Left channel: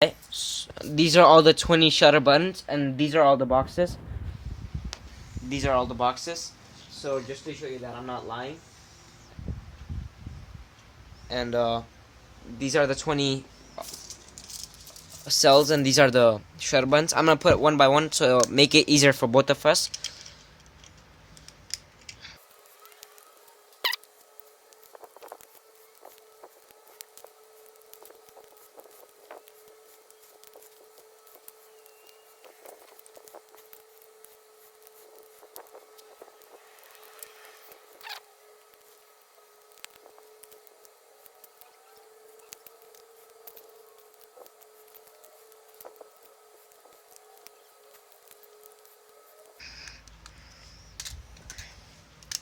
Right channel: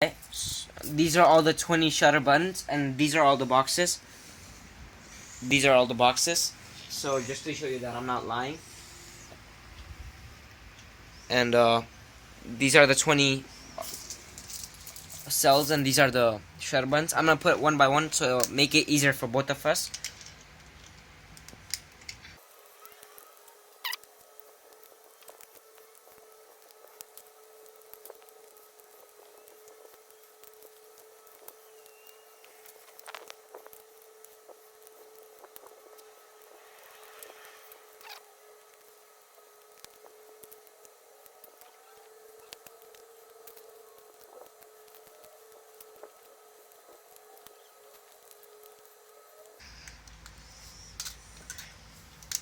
Okay, these are all the 20 shutter buttons, and these are all the boxes. These are all the boxes. So just to show you that I'm not lying. And these are the 20 cells, and these are the shutter buttons. I'm gonna put it one by one to make it easier for both of us.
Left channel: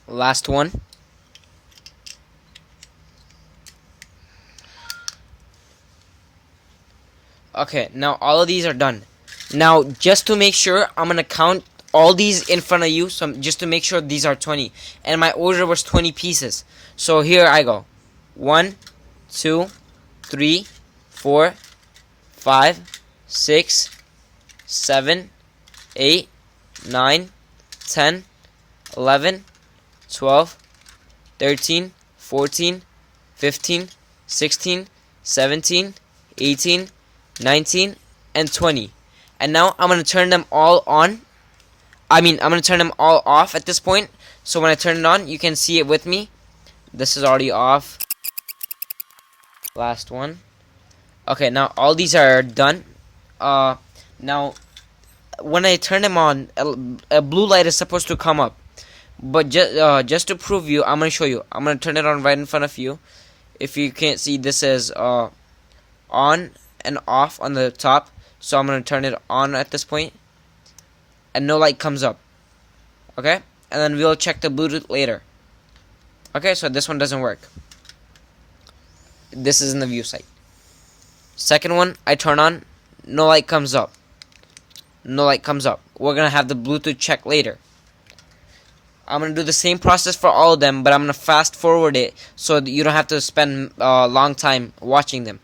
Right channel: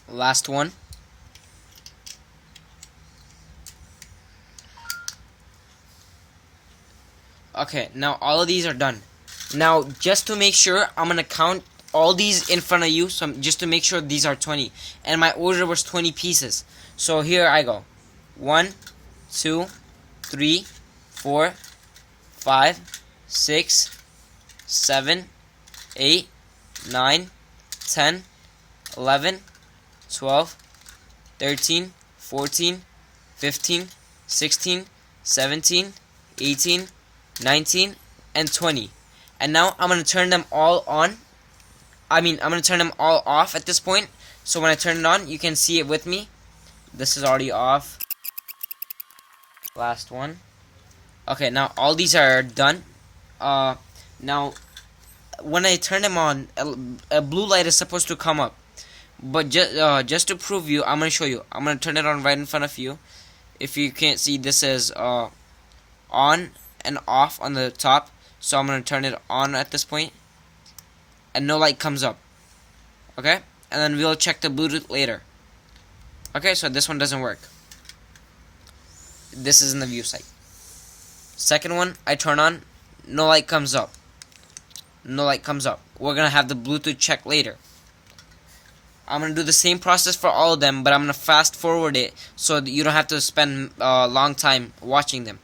Last one. Okay, now all of these are done. Now, just to make sure, I'm gonna count all these in front of you, so just to make sure these are 20. And my order was 20 pieces. So here I go. 1, 2, 3, 4, 5, 6, 7, 8, 9, 10, 11, 12, 13, 14, 15, 16, 17, 18, 19, and 20. And now I'm going to turn them all on. I'm going to turn them all off at this point. So when I turn it on, you can see it with me. This is already off. Last one. Okay, now all these are done. Now, when I turn them on, a blue light is supposed to come up. But just to prove you, I'm going to show you. I'm going to turn it on right in front of you. If you can't see, this says on and off on the top. So I'm going to turn it on at this point. And no light comes up. Okay? And then we'll check the Bluetooth later. Okay, so this one doesn't work. This is in the view site. Second one, I turn on. No light comes up. No light comes up. We're going to have the Bluetooth check later. I'm going to do the same process for all of them, but I'm going to fast forward it so that you don't have to spend a long time watching them.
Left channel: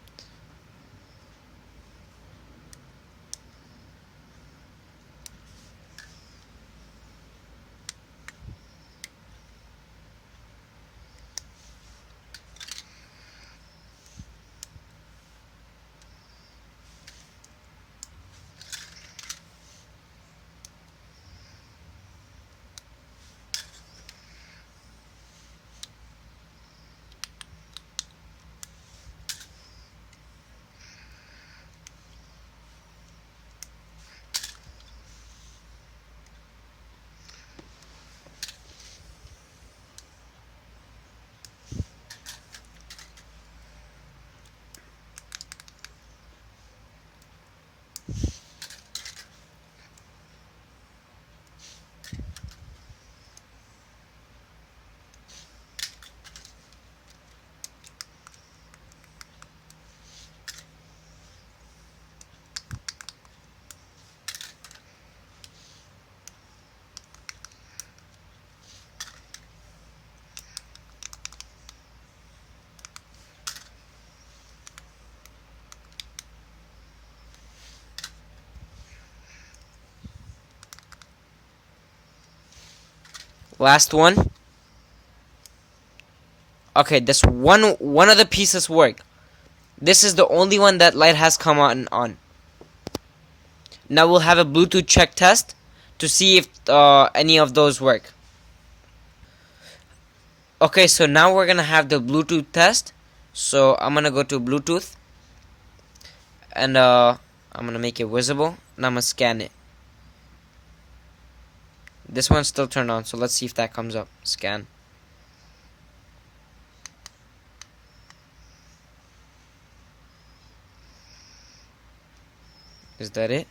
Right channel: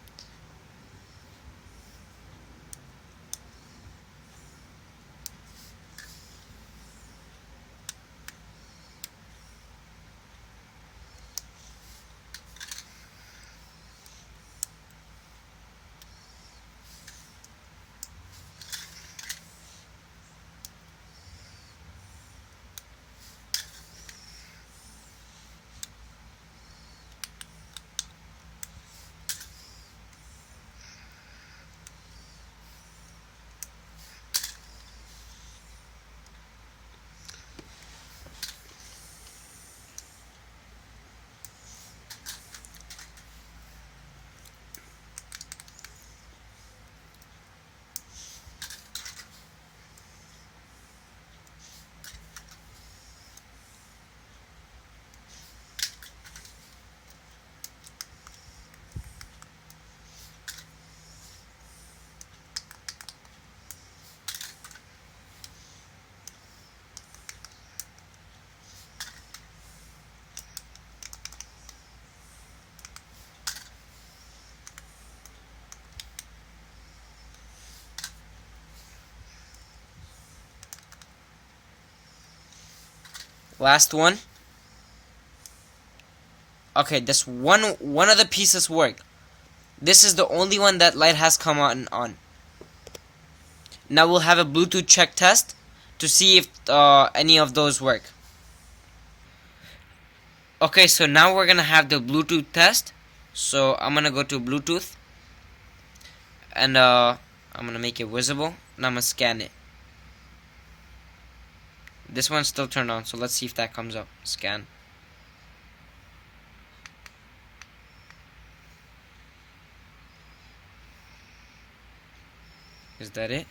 Last one. Okay, this one of the pieces work. This is the only one that light has come on. Now we'll have a Bluetooth check test to see if any of those work. Okay, so now we're gonna have the Bluetooth test. So I'm gonna go to Bluetooth, and I'm gonna make it visible, and I'm gonna scan it. This one's still turned on, so let's see if that comes up. Scan. Is that it?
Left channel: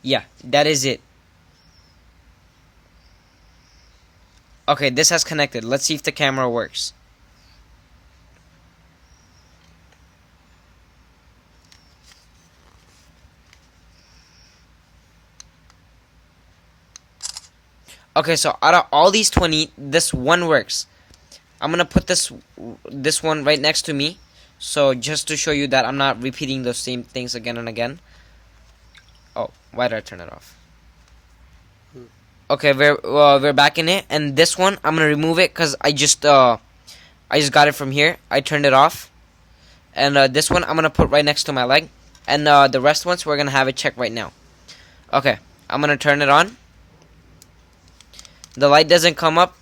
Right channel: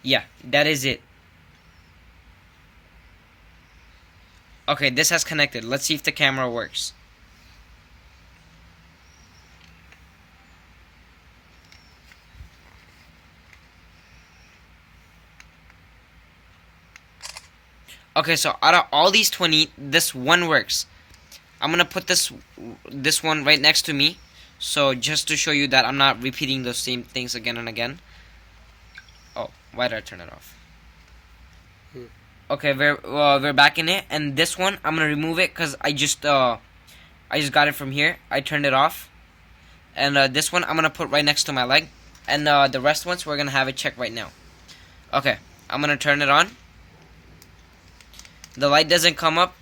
Yeah, that is it. Okay, this has connected. Let's see if the camera works. Okay, so out of all these 20, this one works. I'm gonna put this one right next to me, so just to show you that I'm not repeating those same things again and again. Oh, why did I turn it off? Okay, we're back in it, and this one I'm gonna remove it because I just got it from here. I turned it off, and this one I'm gonna put right next to my leg, and the rest ones we're gonna have it check right now. Okay, I'm gonna turn it on. The light doesn't come up,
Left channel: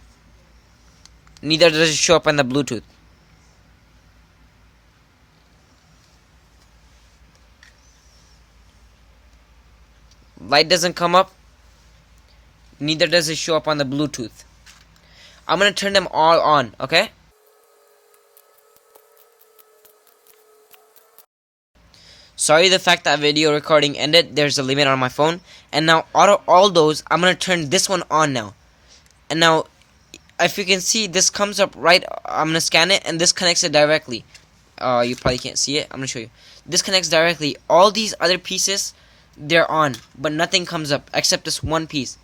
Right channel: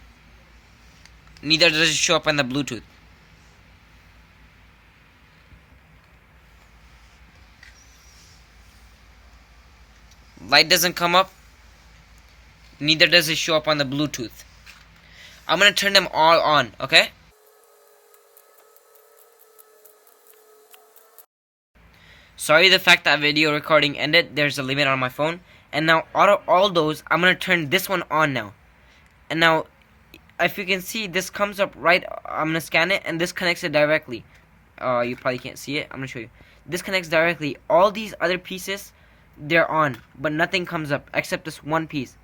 neither does it show up on the Bluetooth. Light doesn't come up, neither does it show up on the Bluetooth. I'm gonna turn them all on, okay? Sorry the fact that video recording ended, there's a limit on my phone. And now all those, I'm gonna turn this one on now. And now, if you can see, this comes up right, I'm gonna scan it, and this connects it directly. You probably can't see it, I'm gonna show you. This connects directly. All these other pieces, they're on, but nothing comes up except this one piece.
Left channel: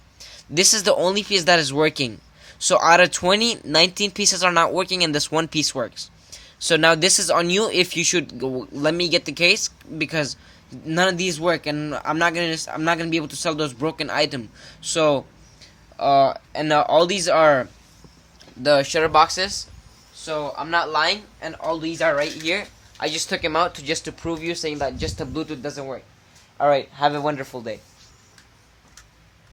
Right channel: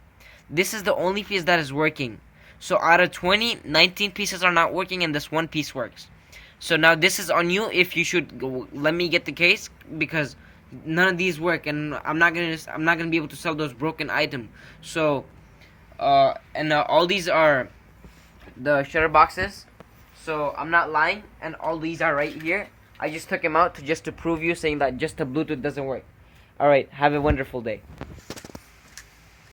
This is the only piece that is working. So out of 20, 19 pieces are not working, and this one piece works. So now this is on you if you should go, let me get the case, because none of these work, and I'm not gonna be able to sell those broken items. So all these are the shutter boxes, so I'm not lying, and all these are right here. I just took them out just to prove you, saying that just the Bluetooth doesn't work. Alright, have a wonderful day.